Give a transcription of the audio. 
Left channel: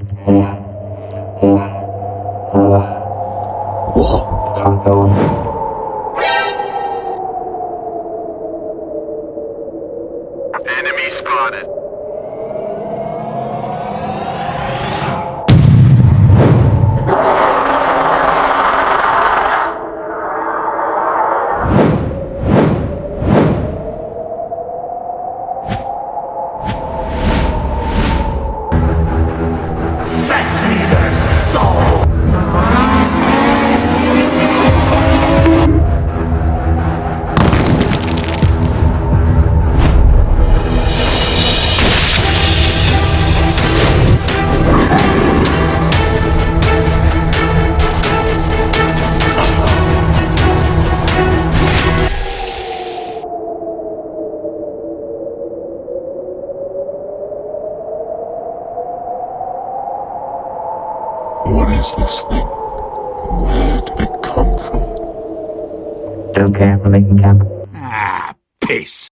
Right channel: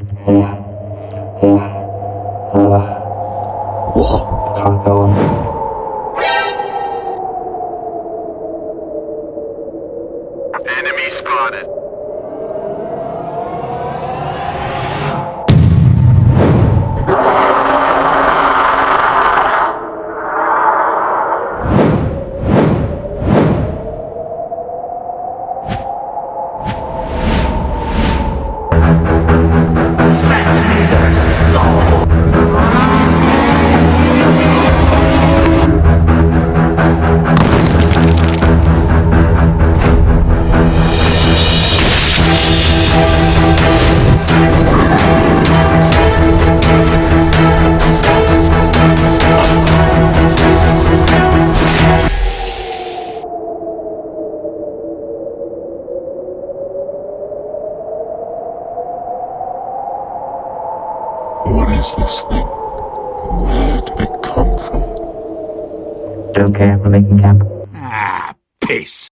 What? Can't go on. Enemy spotted. Fetch me their soul! What is this thing? Where did it come from? Don't care, we're making camp. Ah, piss!